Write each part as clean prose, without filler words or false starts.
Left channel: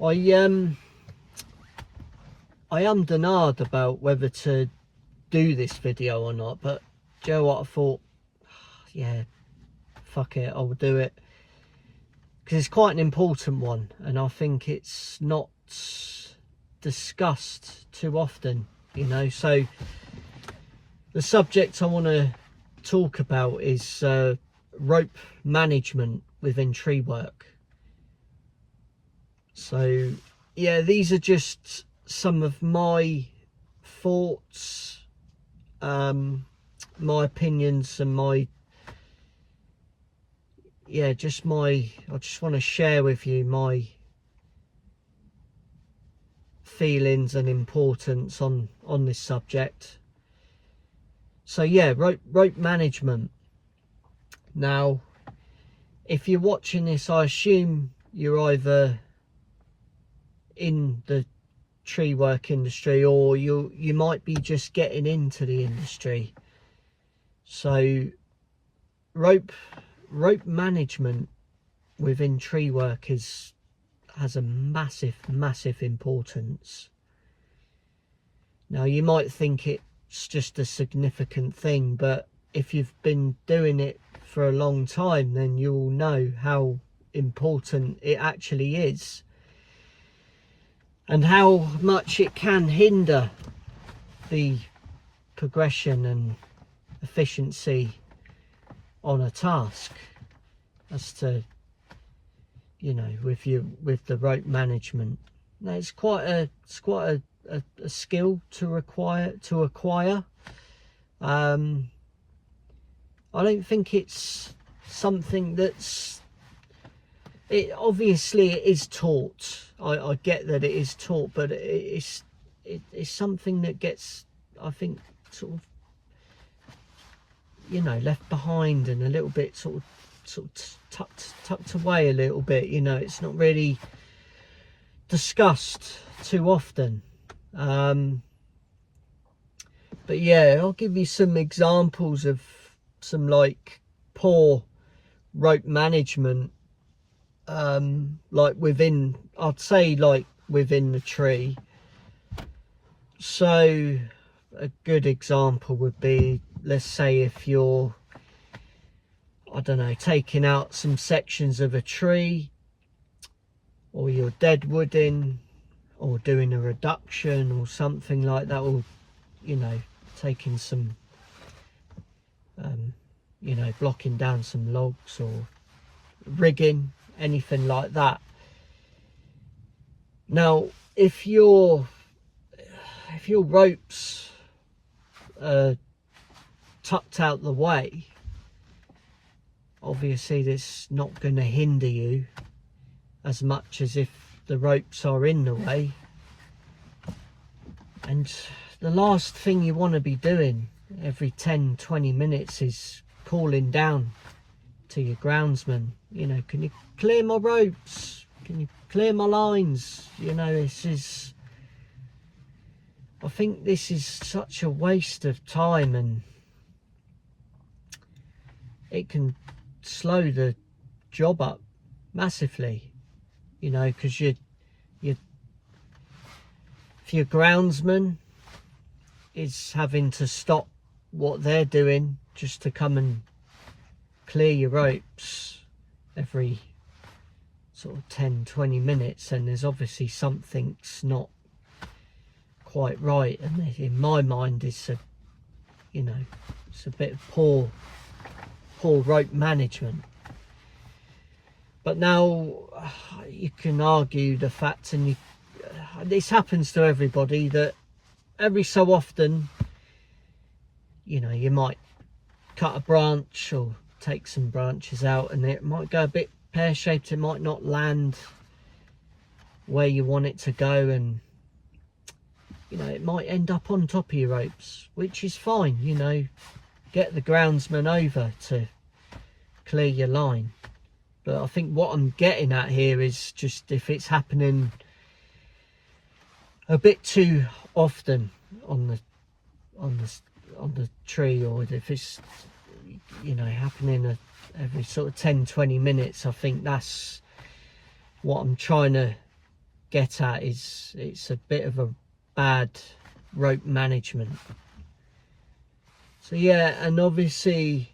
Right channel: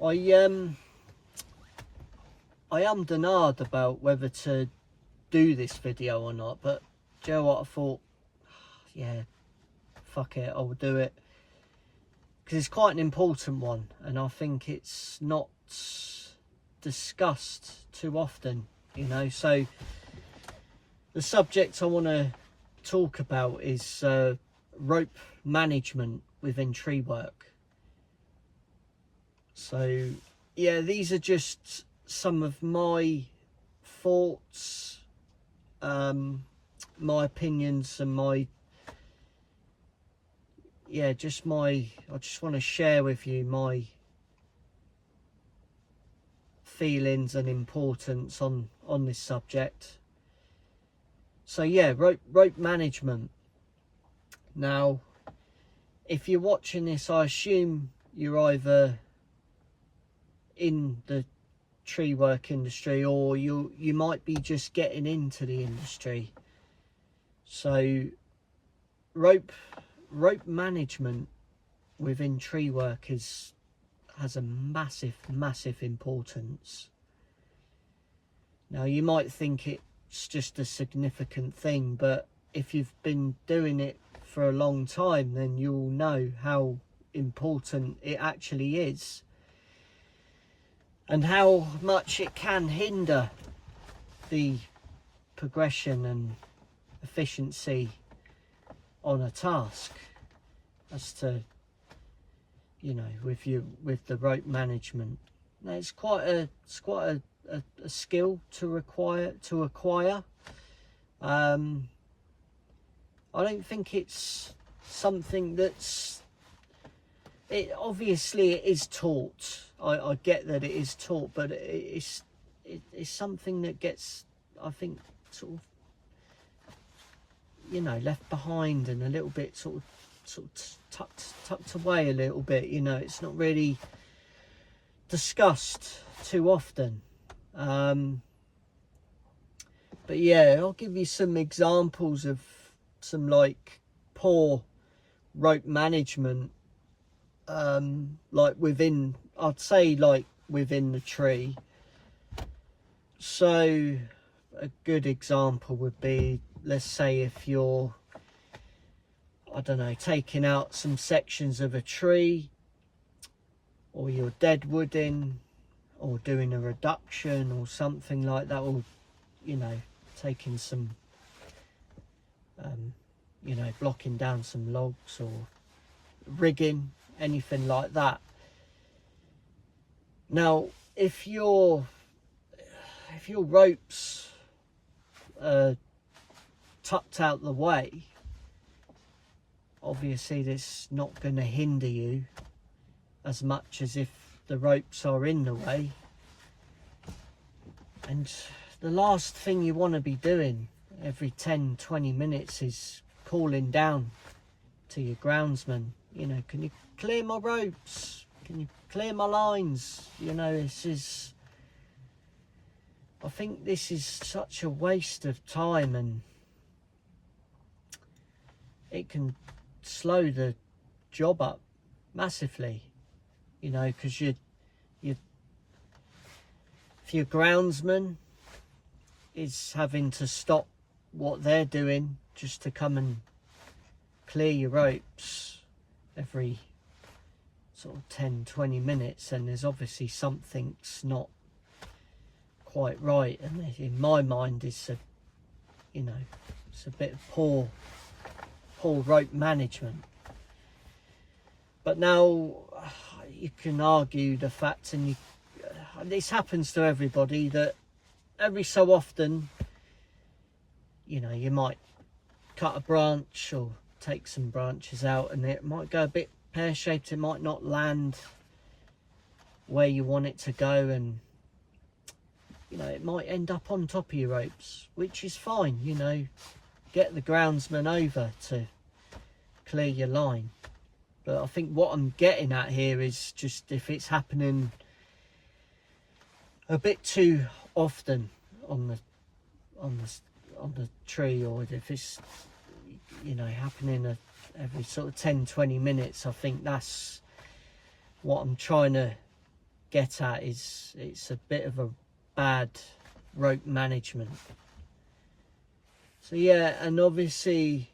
I ummed and ahed about whether to do this video or not, but do you know what, I thought, yeah, fuck it, I'll do it, because it's quite an important one, and I think it's not discussed too often, you know. So the subject I want to talk about is rope management within tree work. So yeah, these are just some of my thoughts, my opinions, and I just want to share with you my feelings and importance on this subject. So yeah, rope management. Now, if you're watching this, I assume you're either in the tree work industry, or you might be just getting into the industry. So rope management within tree work has a massive importance. Now, you might think it's just a significant thing, but if you've been doing it for a long time, then you'll know how important it actually is, and how much it can hinder the progression and efficiency on a task, as to, you know, with the rope management. Now, it's quite a skill to acquire. I don't think it's something that's, obviously it is taught. I get that it is taught, but it's something that gets, I think, sort of, you know, left behind and a little bit sort of tucked away a little bit. You know, it's not really discussed too often. But yeah, I'll give you some examples of some like poor rope management, like within, I'd say, like within the tree. So a good example would be, let's say if you're, I don't know, taking out some sections of a tree, or you're deadwooding, or doing a reduction or something like that, or, you know, taking some, you know, blocking down some logs, or rigging, anything like that. Now, if your ropes are tucked out the way, obviously that's not going to hinder you as much as if the ropes are in the way. And the last thing you want to be doing every 10-20 minutes is calling down to your groundsman, you know, can you clear my ropes, can you clear my lines? You know, I think this is such a waste of time, and it can slow the job up massively, you know, because if your groundsman is having to stop what they're doing just to come and clear your ropes every sort of 10-20 minutes, and there's obviously something's not quite right. And in my mind, it's a, you know, it's a bit of poor rope management. But now you can argue the fact, and this happens to everybody, that every so often, you know, you might cut a branch or take some branches out, and it might go a bit pear-shaped, it might not land where you want it to go, and, you know, it might end up on top of your ropes, which is fine. You know, get the groundsman over to clear your line. But I think what I'm getting at here is just if it's happening a bit too often on the tree, or if it's, you know, happening every sort of 10-20 minutes, I think that's what I'm trying to get at is it's a bit of a bad rope management. So yeah, and obviously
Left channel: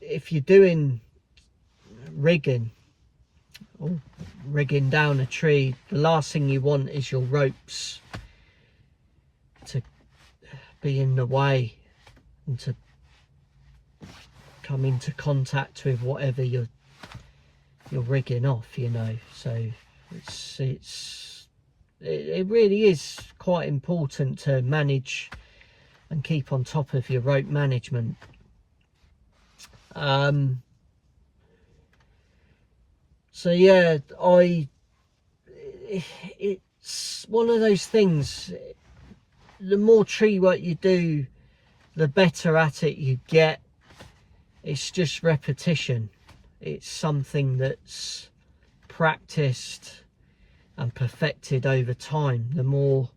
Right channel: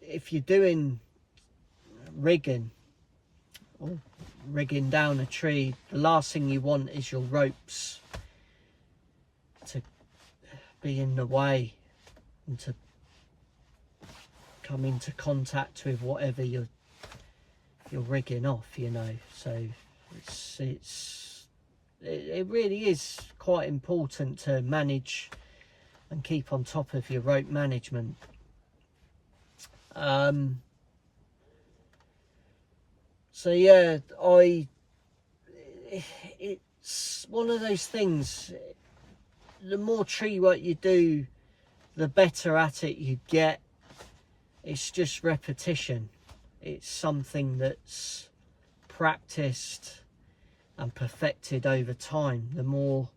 if you're doing rigging or rigging down a tree, the last thing you want is your ropes to be in the way and to come into contact with whatever you're rigging off, you know. So it really is quite important to manage and keep on top of your rope management. So yeah, it's one of those things, the more tree work you do, the better at it you get. It's just repetition. It's something that's practiced and perfected over time. The more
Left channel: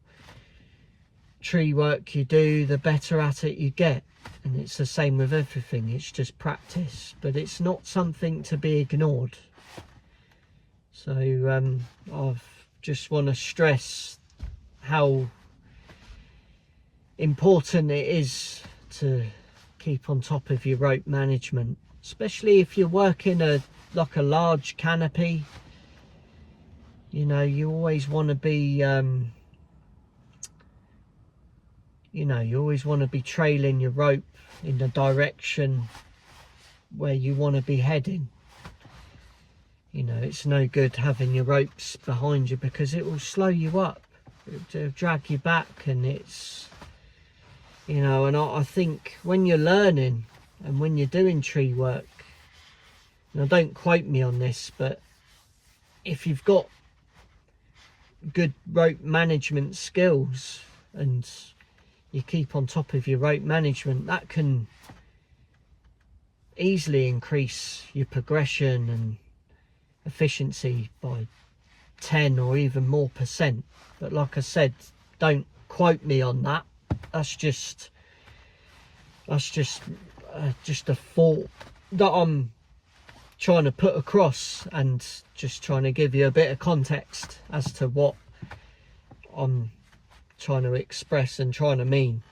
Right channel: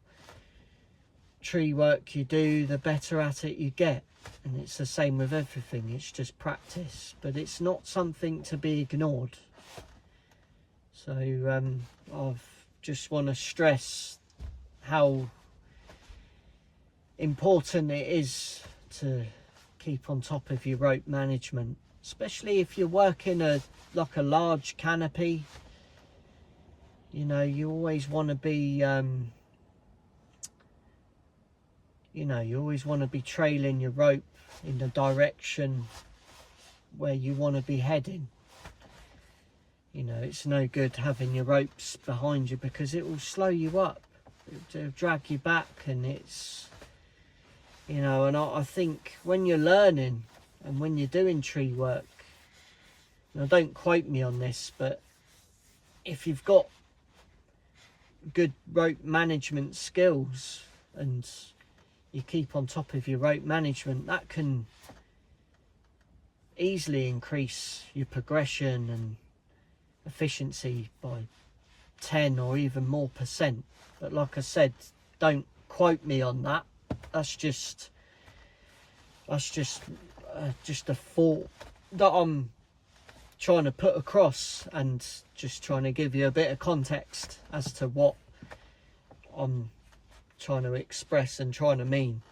tree work you do, the better at it you get. And it's the same with everything. It's just practice, but it's not something to be ignored. So I just want to stress how important it is to keep on top of your rope management, especially if you're working like a large canopy. You know, you always want to be you always want to be trailing your rope in the direction where you want to be heading. You know, it's no good having your ropes behind you because it will slow you up, it'll drag you back, and it's, you know, and I think when you're learning and when you're doing tree work, now don't quote me on this, but if you've got good rope management skills and you keep on top of your rope management, that can easily increase your progression and efficiency by 10 or even more %. But like I said, don't quote me on that. That's just a thought that I'm trying to put across, and just trying to give you a bit of context as to what I'm trying to express and trying to mean.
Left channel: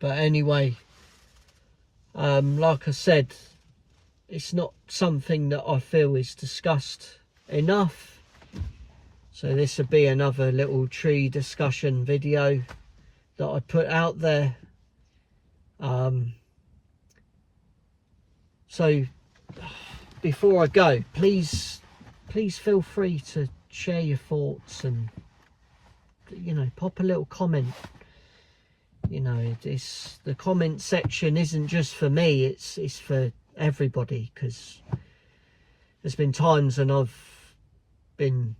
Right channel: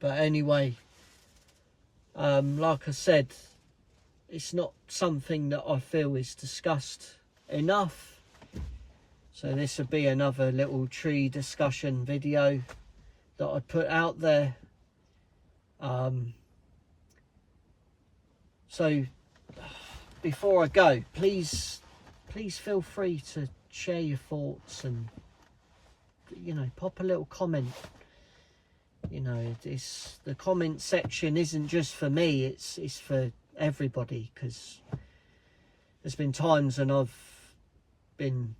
But anyway, like I said, it's not something that I feel is discussed enough. So this would be another little tree discussion video that I put out there. So before I go, please feel free to share your thoughts and, you know, pop a little comment. You know, the comment section isn't just for me, it's for everybody, because there's been times when I've been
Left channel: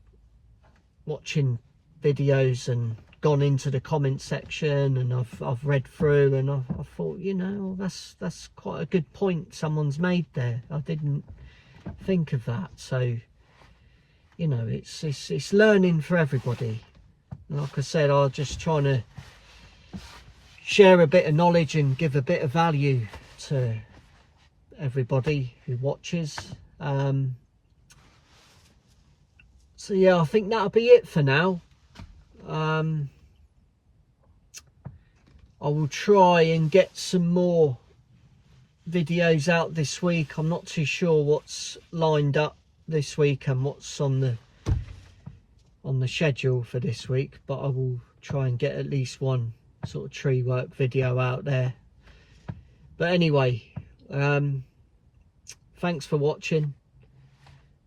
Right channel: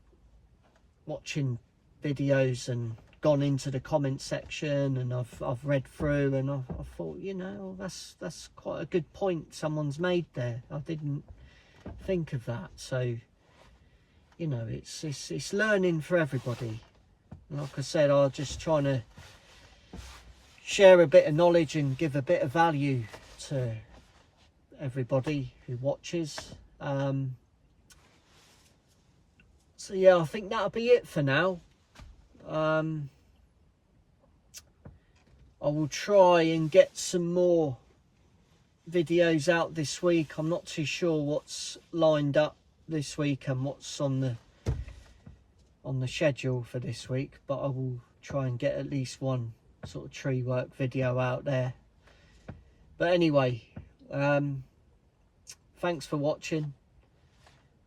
watching videos and gone into the comment section and I've read through, and I've thought, you know, that's quite a good point someone's made there. I didn't think of that. So, you know, it's learning for everybody. And like I said, I'm just trying to share a bit of knowledge and give a bit of value to everybody who watches. So yeah, I think that'll be it for now. I will try and get some more videos out this week. I'm not too sure what's lined up this week and what's on the schedule for this week, but I will try and get at least one sort of tree work video out there. But anyway, thanks for watching,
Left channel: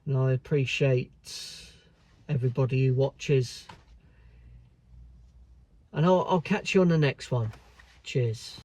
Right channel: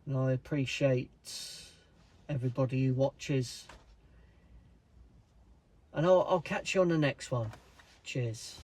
and I appreciate everybody who watches, and I'll catch you on the next one. Cheers.